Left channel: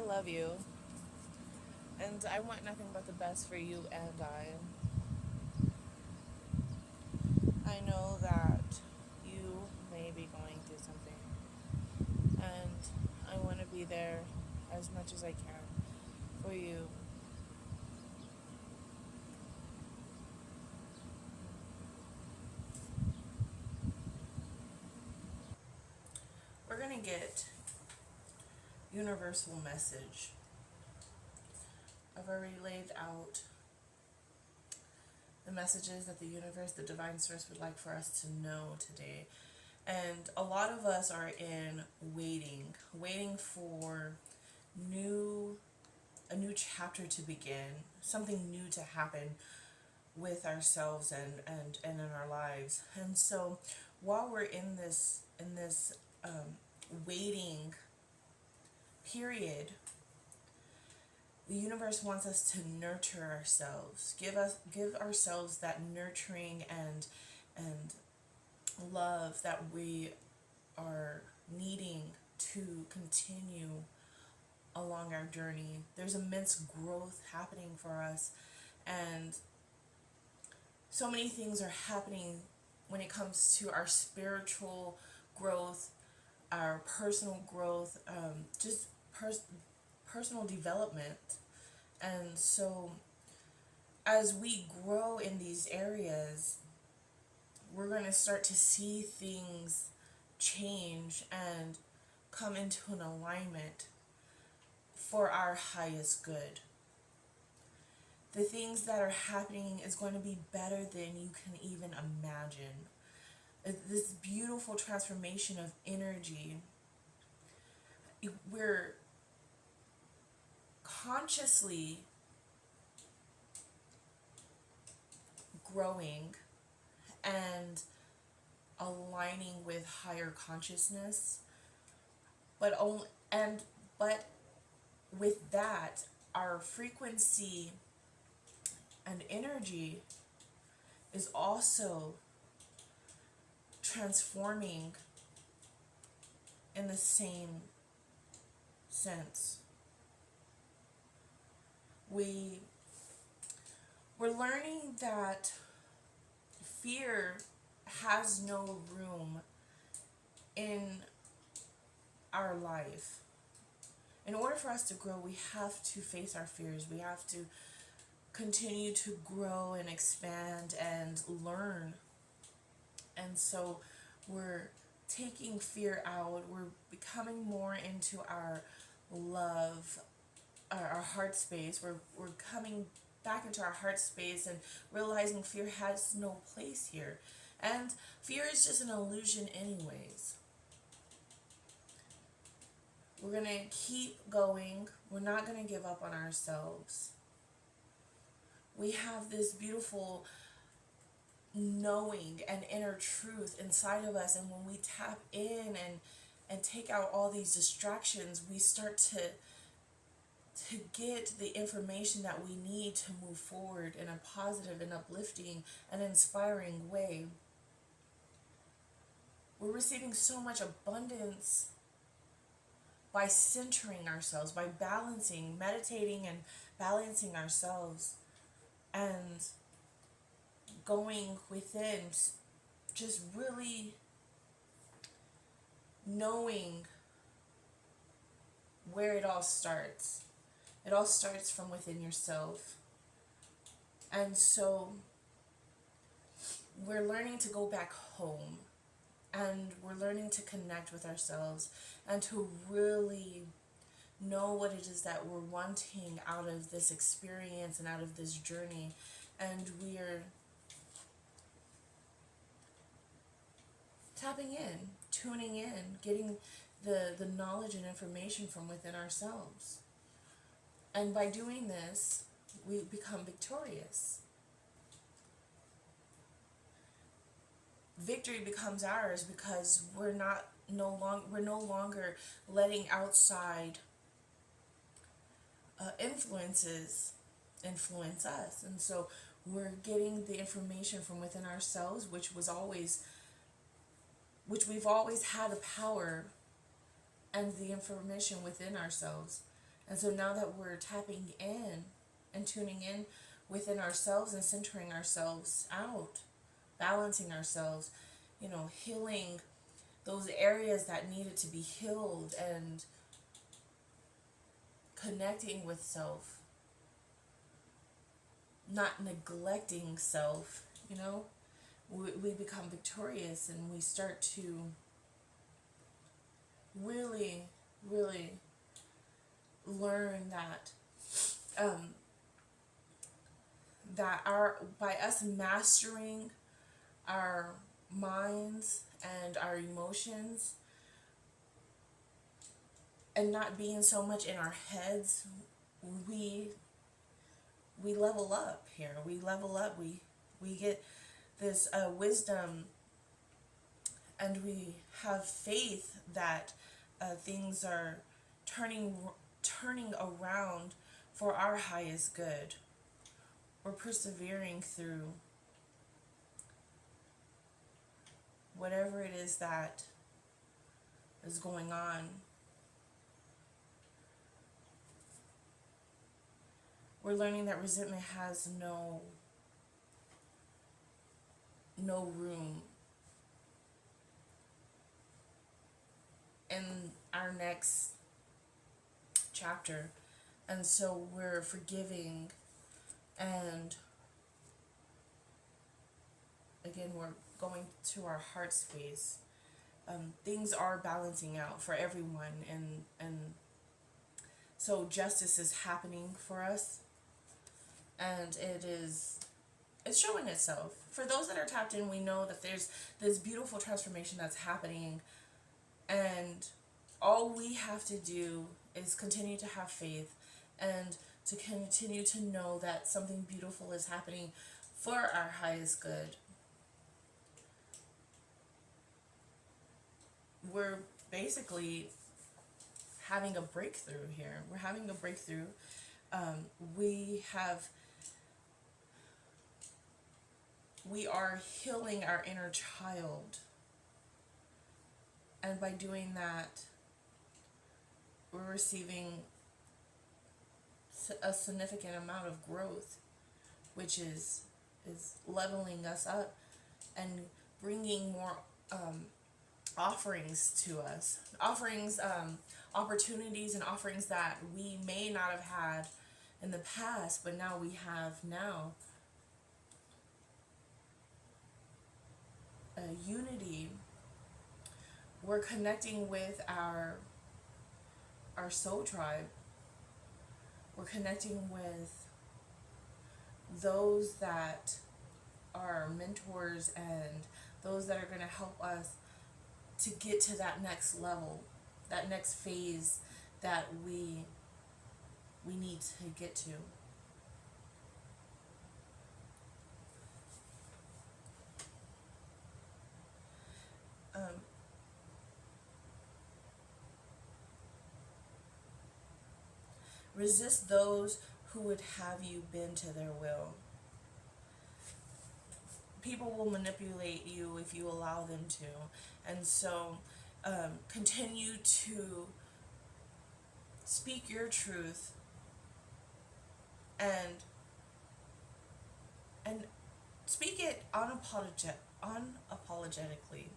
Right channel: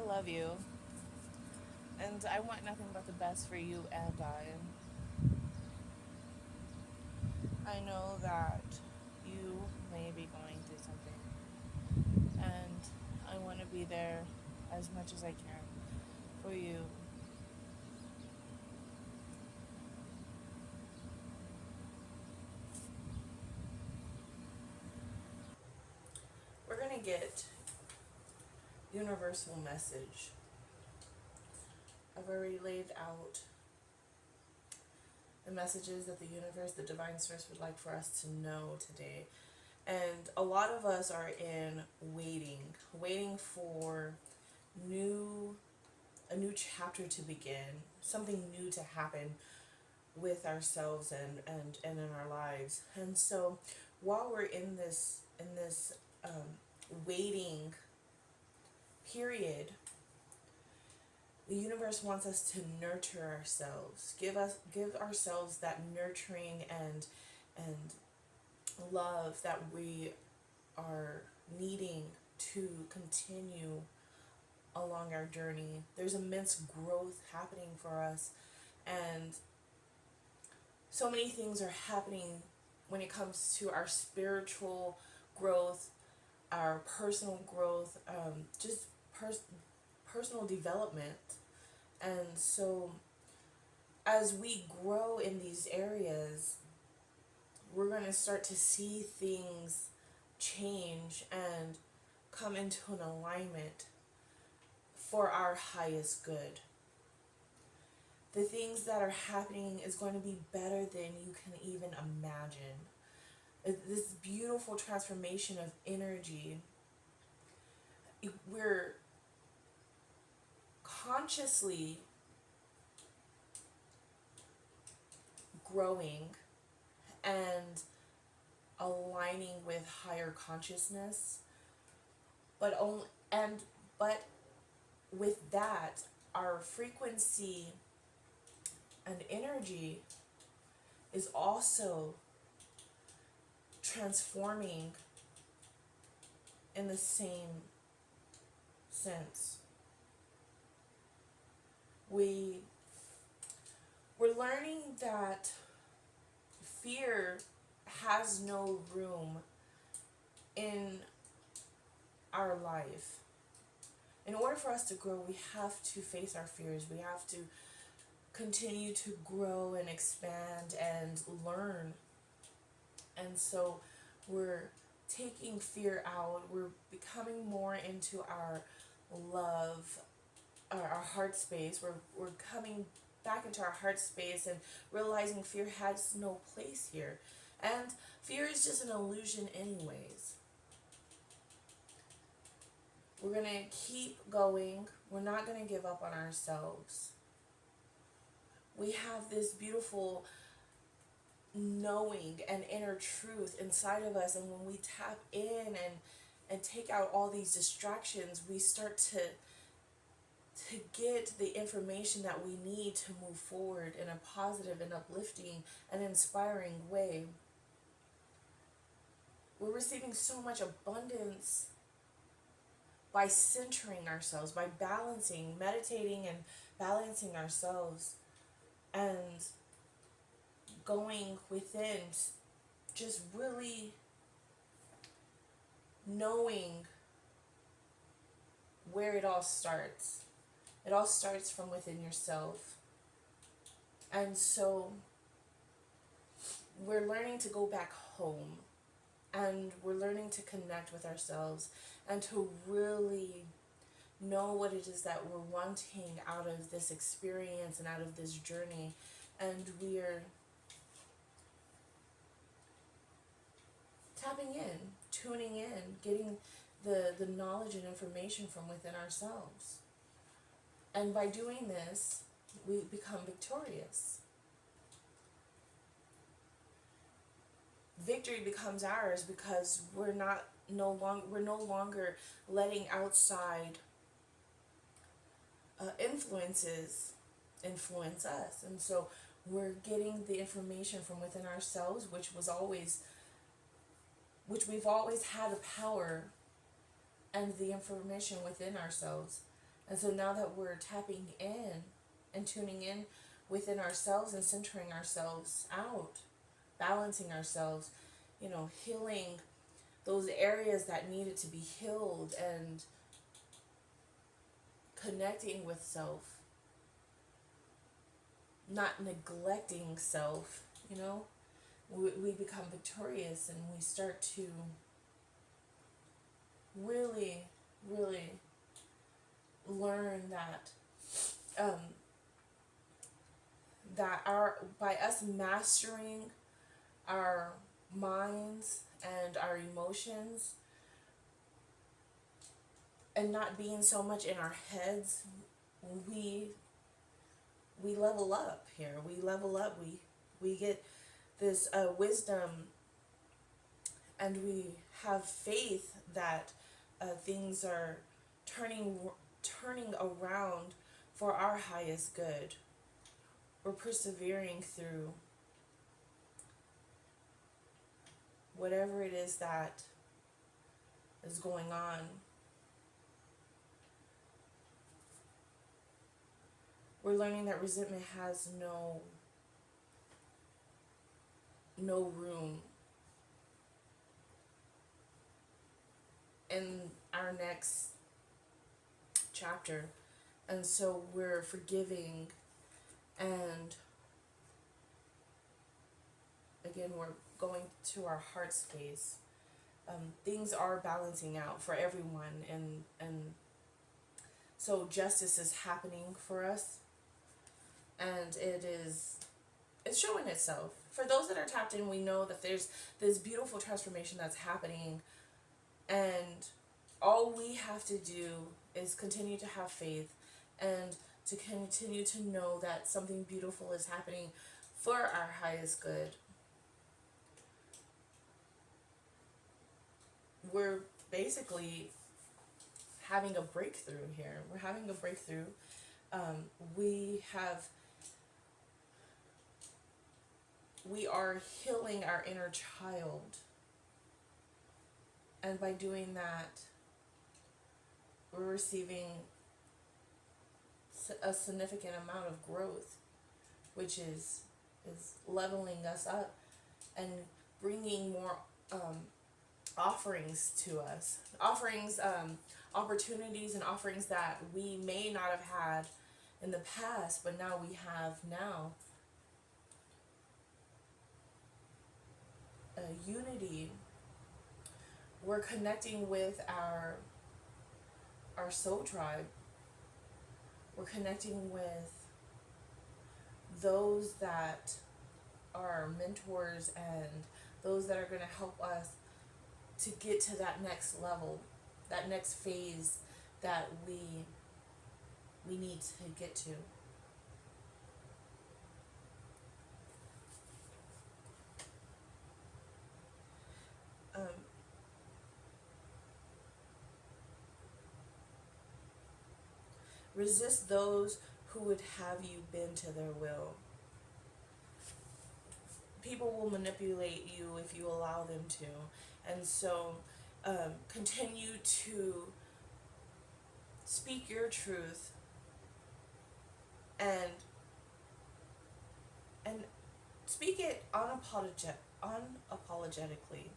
I love you, and I want nothing but the best for you and I. I know that you may be going through something, and I want to be there as much as I can for you. We're going to get universal message. I've already laid out the messages that the universe, the divine source would like for us to know today. And a lot of us are in waiting for new a new chapter to begin, something new to happen with ourselves and in our lives. And so while we're in this waiting period, the universe wants us to nurture ourselves, give ourselves that nurturing and love that we are needing to continue along our journey. There's immense growth happening for us, and so many things are happening when it comes to our spiritual growth, our personal growth, just personal development. And so, as we grow in these areas, we're going to start to see things change and come into an alignment for our highest good. The things that are happening is going to be better than you can even imagine. This beautiful transformation of energy. We're consciously growing and aligning with higher consciousness, but only and but with that, our frequency and energy is also transforming in the same sense. We we're learning that fear has no room in our life. In order for us to grow, we have to face our fears. We have to continue to grow and expand and learn. And so we're taking fear out. We're becoming more into our love, our heart space. We're coming back into our heart space and realizing fear has no place here. And fear is just an illusion anyways. We're going to keep going. We're not going to give up on ourselves. We have this beautiful knowing and inner truth inside of us, and when we tap in and take out all these distractions, we start to get the information that we need to move forward in a positive and uplifting and inspiring way. We're receiving so much abundance by centering ourselves, by balancing, meditating and balancing ourselves and going within, just really knowing where it all starts. It all starts from within yourself. And so we're learning to go back home, and we're learning to connect with ourselves and to really know what it is that we're wanting out of this experience and out of this journey. And we're tapping in, tuning in, getting the knowledge and information from within ourselves. And by doing this, we become victorious. Victory becomes ours because we're no longer letting outside influences influence us. And so we're getting the information from within ourselves, which we've always had the power and the information within ourselves. And so now that we're tapping in and tuning in within ourselves and centering ourselves out, balancing ourselves, healing those areas that needed to be healed and connecting with self, not neglecting self, we become victorious and we start to really, really learn that by us mastering our minds and our emotions and not being so much in our heads, we level up here. We level up. We get this wisdom, and we have faith that things are turning around for our highest good. We're persevering through whatever it is that is going on. We're learning that resentment has no room in our next chapter. And so we're forgiving, and again, we're going to our heart space. Things are balancing out for everyone, and so justice is happening for us, and it's showing itself. For those that are tapped in, we know that there's this beautiful transformation that's happening, and all we have to do is continue to have faith and to continue to know that something beautiful is happening for our highest good. We're basically having a breakthrough here. We're having a breakthrough. We are healing our inner child. And by doing that, we're receiving a significant amount of growth, which is leveling us up and bringing more offerings to us. Opportunities and offerings that we may not have had in the past, but now we have now. Unity. We're connecting with our soul tribe. We're connecting with those that are mentors and those that are going to help us to get to that next level, that next phase that we need to get to. Resist those who would have you bend to their will. People will manipulate you if you allow them to. And so continue to speak your truth and speak it unapologetically.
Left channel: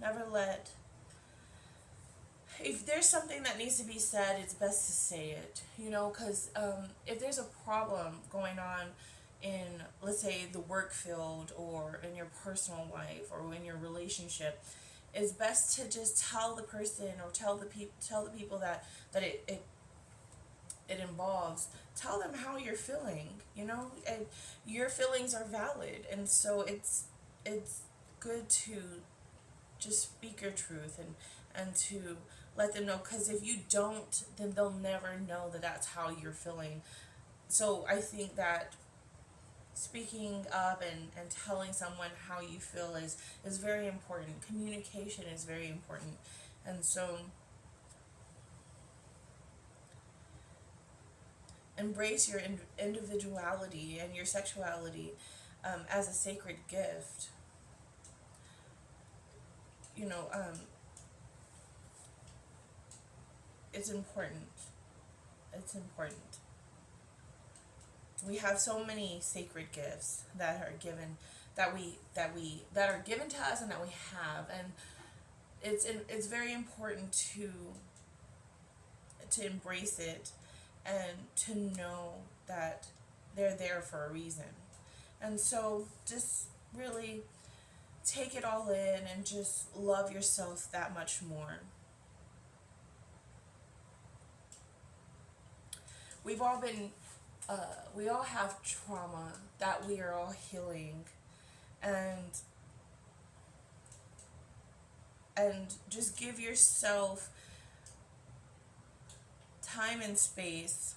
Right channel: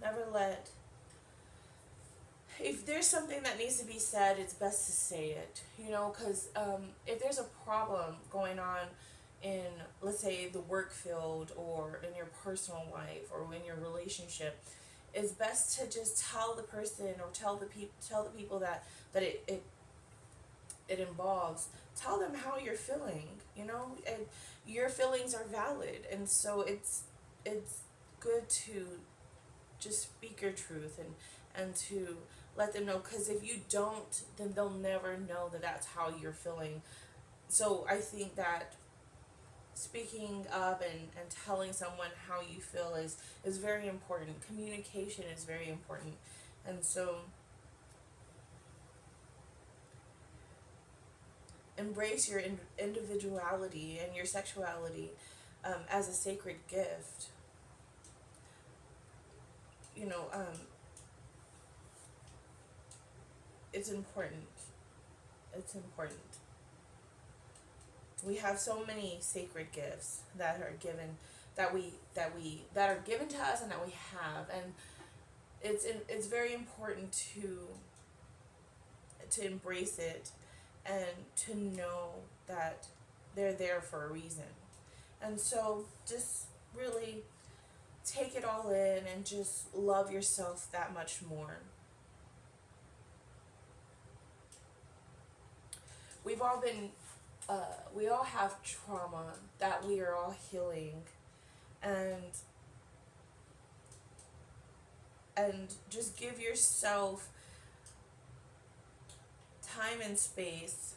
Never let, if there's something that needs to be said, it's best to say it, because if there's a problem going on in, let's say, the work field or in your personal life or in your relationship, it's best to just tell the person or tell the people that it involves. Tell them how you're feeling, and your feelings are valid, and so it's good to just speak your truth and to let them know, because if you don't, then they'll never know that that's how you're feeling. So I think that speaking up and telling someone how you feel is very important. Communication is very important. And so embrace your individuality and your sexuality as a sacred gift. it's important. It's important. We have so many sacred gifts that are given, that are given to us and that we have, and it's very important to embrace it and to know that they're there for a reason. And so just really take it all in and just love yourself that much more. We've all been, we all have trauma that we are all healing, and just give yourself time and space,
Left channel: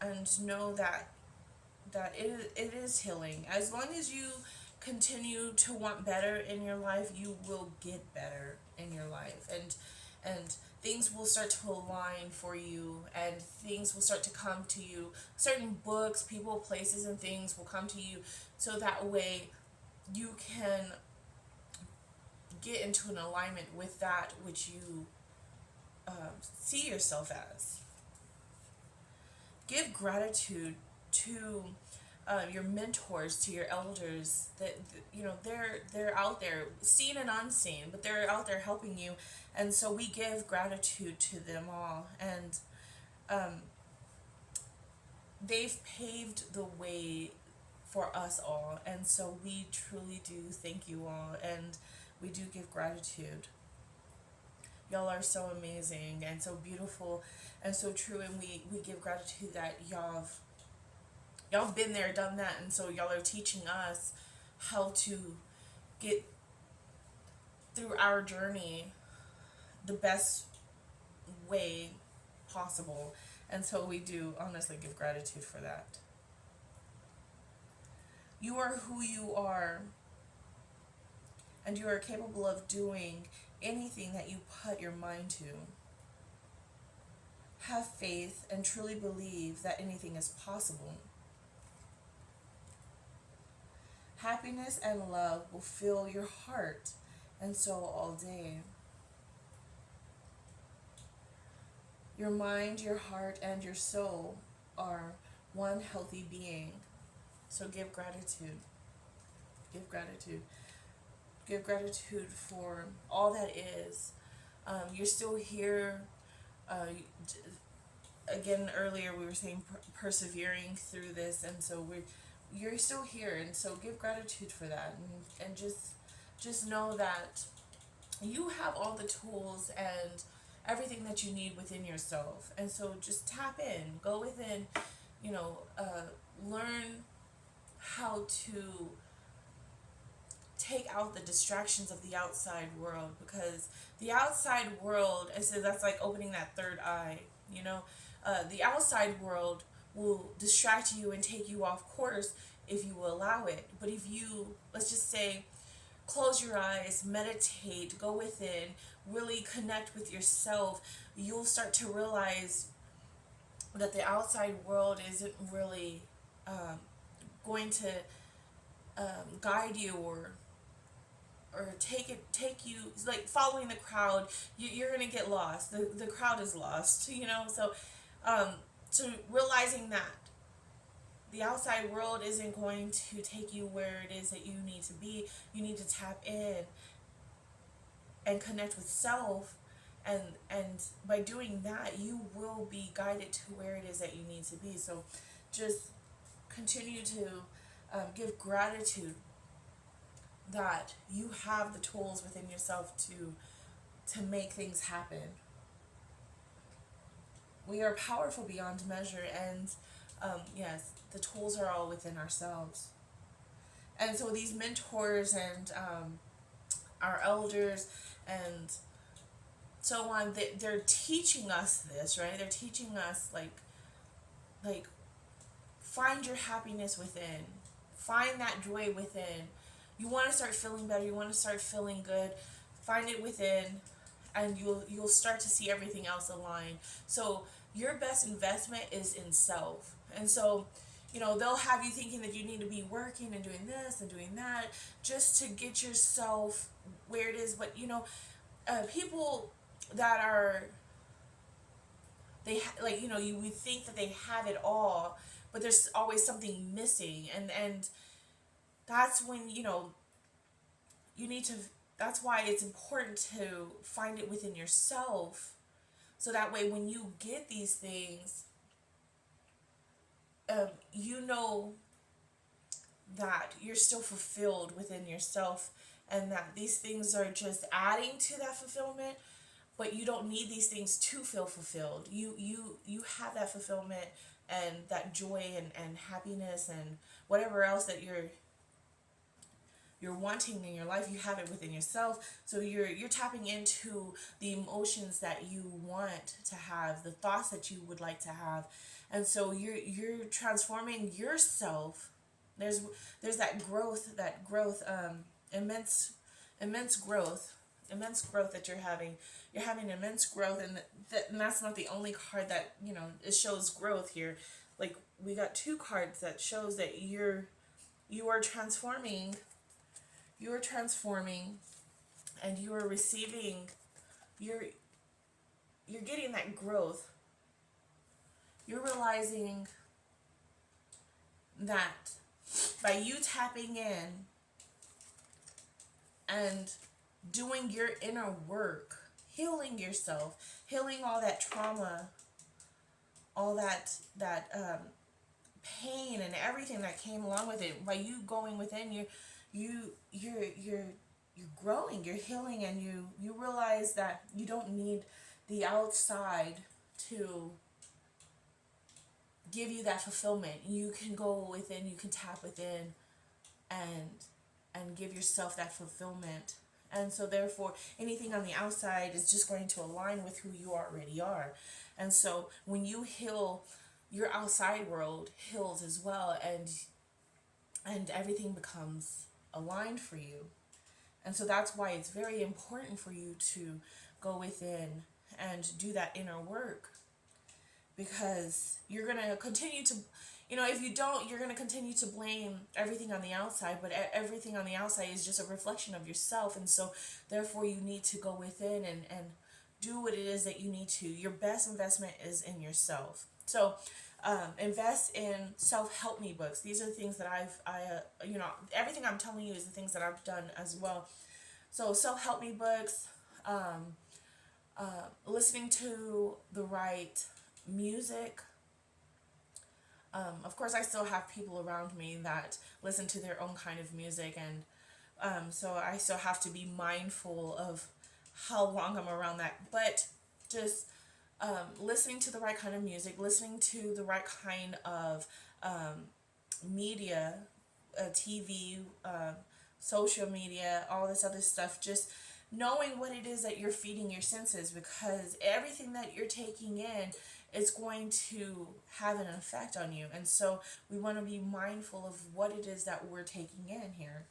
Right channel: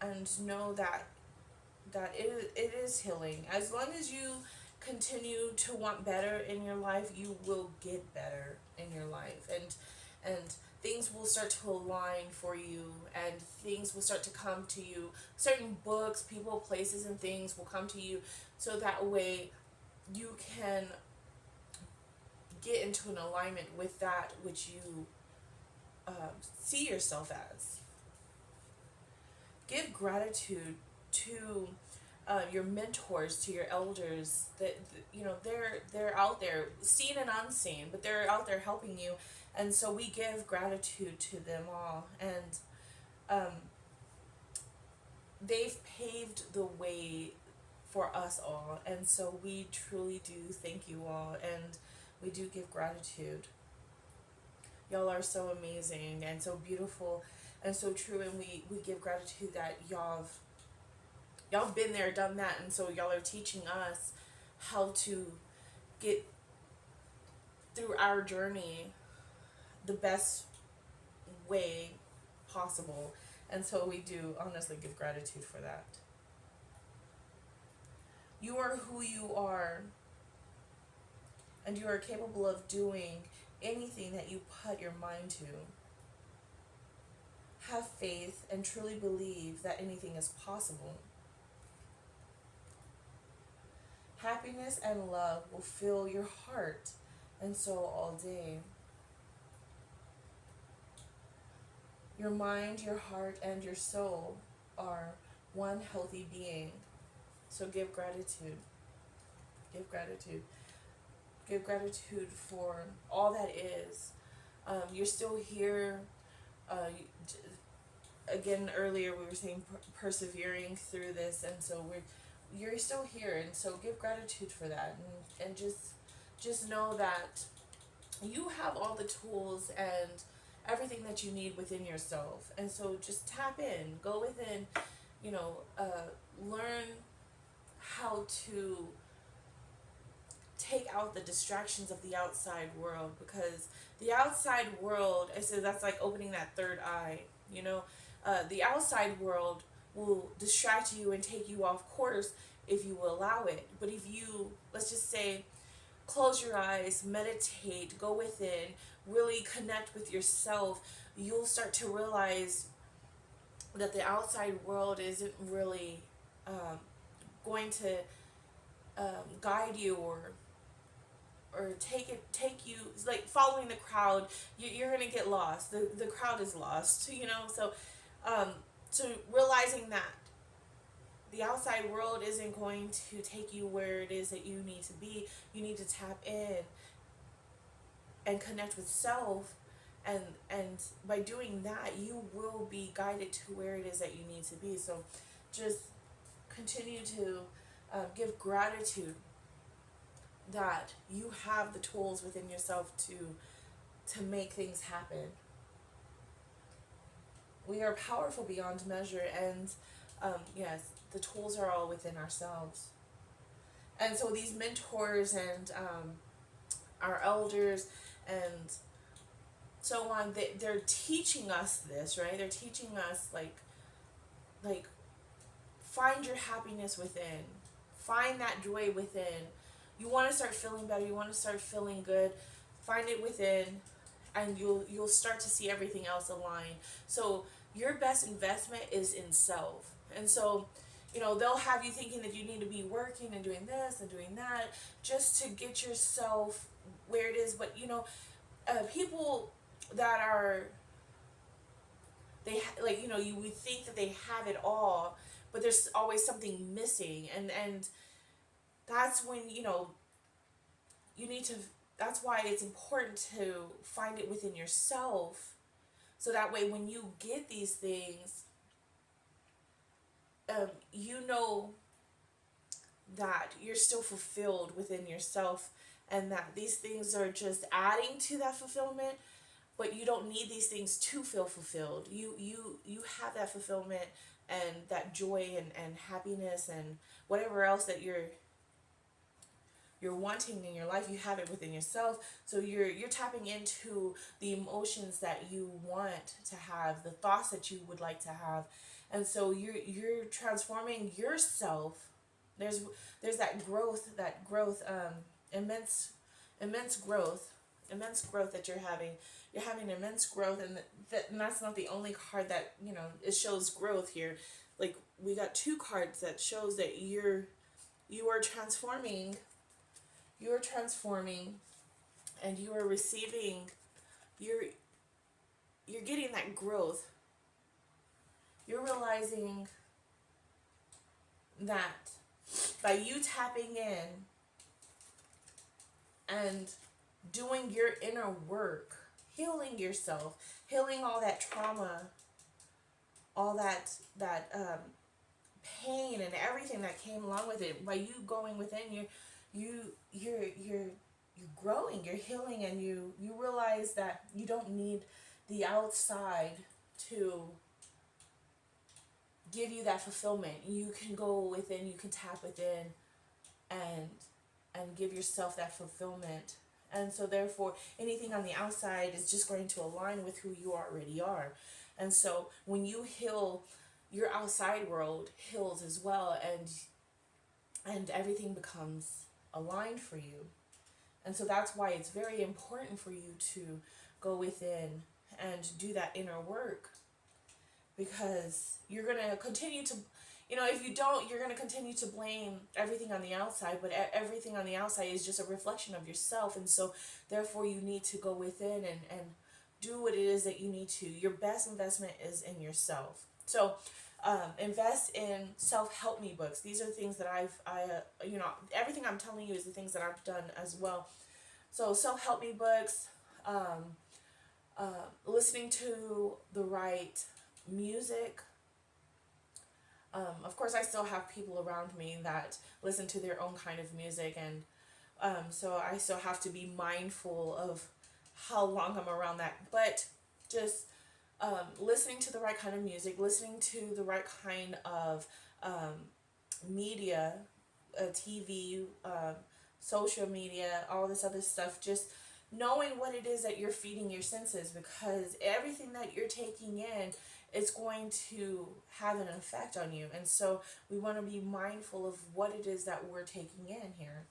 and know that it is healing. As long as you continue to want better in your life, you will get better in your life, and things will start to align for you, and things will start to come to you. Certain books, people, places, and things will come to you, so that way you can get into an alignment with that which you see yourself as. Give gratitude to your mentors, to your elders. That you know they're out there, seen and unseen, but they're out there helping you, and so we give gratitude to them all. And they've paved the way for us all, and so we truly do thank you all, and we do give gratitude. Y'all are so amazing and so beautiful and so true, and we give gratitude that y'all been there, done that, and so y'all are teaching us how to get through our journey the best way possible. And so we do honestly give gratitude for that. You are who you are, and you are capable of doing anything that you put your mind to. Have faith and truly believe that anything is possible. Happiness and love will fill your heart and soul all day. Your mind, your heart, and your soul are one healthy being. So give gratitude. Give gratitude. Give gratitude for all that is. You're still here. Again, earlier we were saying persevering through this, and so you're still here, and so give gratitude for that, and just know that you have all the tools and everything that you need within yourself. And so just tap in, go within, learn how to take out the distractions of the outside world, because the outside world, I said, that's like opening that third eye. The outside world will distract you and take you off course if you will allow it. But if you, let's just say, close your eyes, meditate, go within, really connect with yourself, you'll start to realize that the outside world isn't really going to guide you or take you, like following the crowd. You're gonna get lost. The crowd is lost. So realizing that the outside world isn't going to take you where it is that you need to be. You need to tap in and connect with self, and by doing that you will be guided to where it is that you need to be. So just continue to give gratitude that you have the tools within yourself to make things happen. We are powerful beyond measure, and yes, the tools are all within ourselves. And so these mentors and our elders and so on, they're teaching us this, right? They're teaching us like find your happiness within, find that joy within. You want to start feeling better, you want to start feeling good, find it within, and you'll start to see everything else align. So your best investment is in self. And so they'll have you thinking that you need to be working and doing this and doing that just to get yourself where it is. But people that are, like, you know, you would think that they have it all, but there's always something missing. And that's when, you know, you need to, that's why it's important to find it within yourself, so that way when you get these things, you know that you're still fulfilled within yourself, and that these things are just adding to that fulfillment, but you don't need these things to feel fulfilled. You have that fulfillment and that joy and happiness and whatever else that you're wanting in your life, you have it within yourself. So you're tapping into the emotions that you want to have, the thoughts that you would like to have. And so you're transforming yourself. There's that growth, immense immense growth immense growth that you're having. You're having immense growth, and that's not the only card that, you know, it shows growth here. Like, we got two cards that shows that you are transforming. You are transforming, and you are receiving. You're getting that growth. You're realizing that by you tapping in and doing your inner work, healing yourself, healing all that trauma, all that pain and everything that came along with it. By you going within, you're growing, you're healing, and you realize that you don't need the outside to give you that fulfillment. You can go within, you can tap within, and give yourself that fulfillment. And so therefore anything on the outside is just going to align with who you already are. And so when you heal, your outside world heals as well, and everything becomes aligned for you. And so that's why it's very important for you to go within and do that inner work, because you're going to continue to, you know, if you don't, you're going to continue to blame everything on the outside, but everything on the outside is just a reflection of yourself. And so therefore you need to go within and do what it is that you need to. Your best investment is in yourself. So invest in self-help me books. These are the things that you know, everything I'm telling you is the things that I've done as well. So self-help me books, listening to the right music. Of course, I still have people around me that listen to their own kind of music, and so I still have to be mindful of how long I'm around that. But just listening to the right kind of music, listening to the right kind of media, TV, social media, all this other stuff, just knowing what it is that you're feeding your senses, because everything that you're taking in is going to have an effect on you. And so we want to be mindful of what it is that we're taking in here,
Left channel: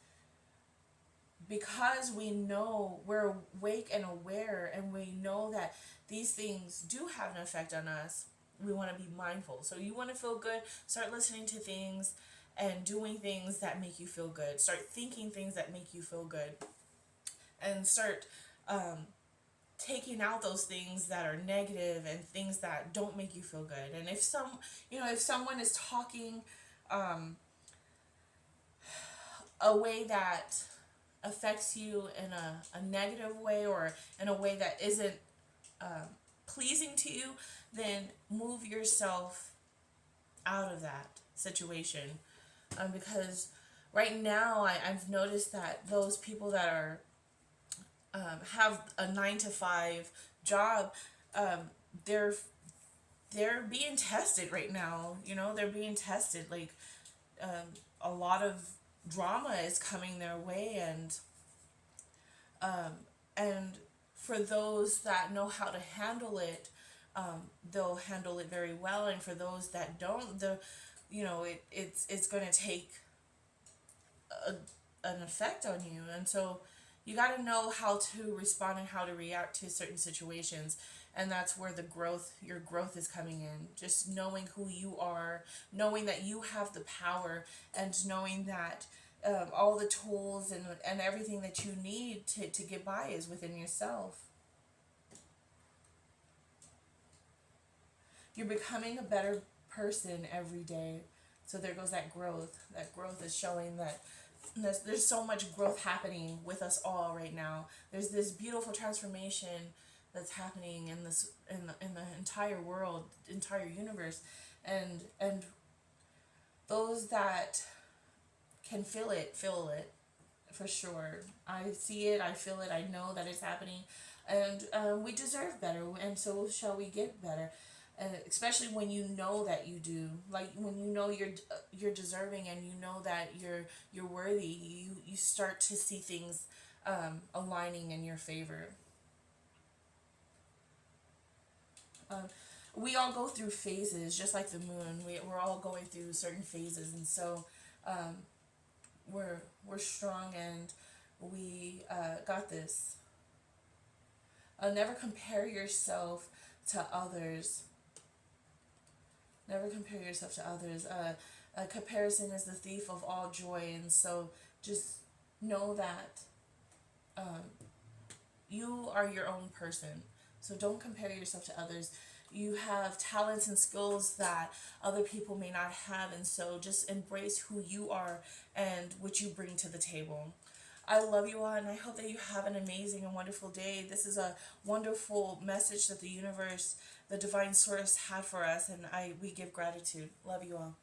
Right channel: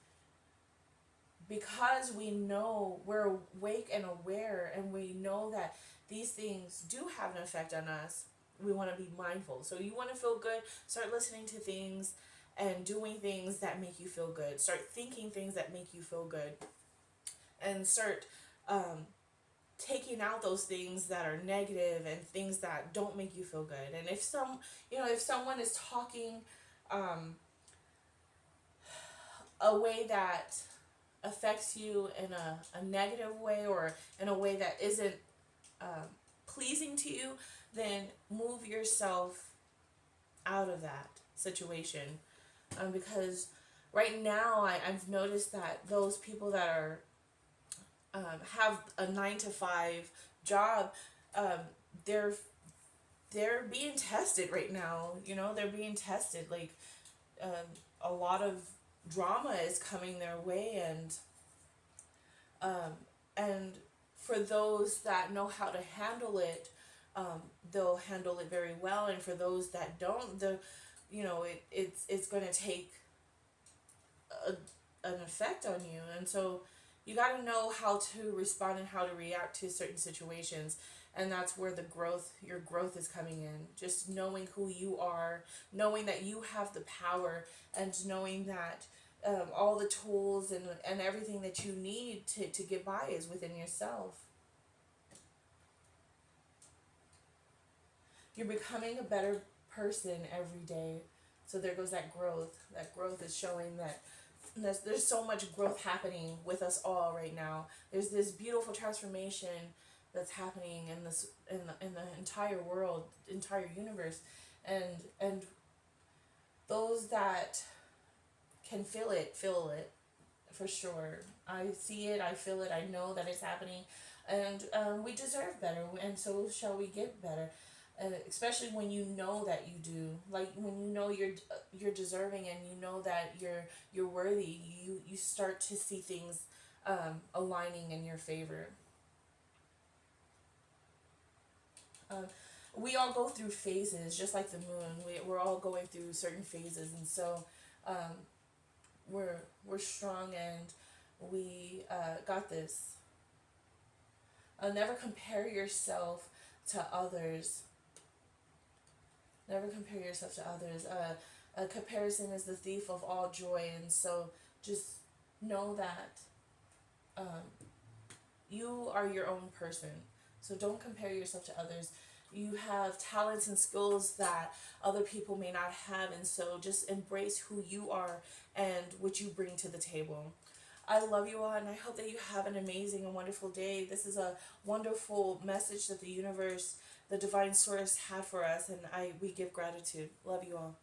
because we know, we're awake and aware, and we know that these things do have an effect on us. We want to be mindful. So you want to feel good, start listening to things and doing things that make you feel good. Start thinking things that make you feel good, and start taking out those things that are negative and things that don't make you feel good. And if someone is talking a way that affects you in a negative way, or in a way that isn't pleasing to you, then move yourself out of that situation. Because right now I've noticed that those people that are have a 9 to 5 job, they're being tested right now. You know, they're being tested. Like, a lot of drama is coming their way, and for those that know how to handle it, they'll handle it very well. And for those that don't, it's going to take an effect on you. And so you got to know how to respond and how to react to certain situations. And that's where your growth is coming in. Just knowing who you are, knowing that you have the power, and knowing that all the tools and everything that you need to get by is within yourself. you're becoming a better person every day. So there goes that growth. That growth is showing that there's so much growth happening with us all right now. There's this beautiful transformation that's happening in this in the entire world, entire universe, and those that can feel it for sure. I see it, I feel it, I know that it's happening, and we deserve better, and so shall we get better. And especially when you know that you do, like when you know you're deserving, and you know that you're worthy, you start to see things aligning in your favor. Um, we all go through phases, just like the moon. We're all going through certain phases, and so um, we're strong, and we got this. Never compare yourself to others. Never compare yourself to others. A comparison is the thief of all joy, and so just know that um, you are your own person. So don't compare yourself to others. You have talents and skills that other people may not have, and so just embrace who you are and what you bring to the table. I love you all, and I hope that you have an amazing and wonderful day. This is a wonderful message that the universe, the divine source, had for us, and we give gratitude. Love you all.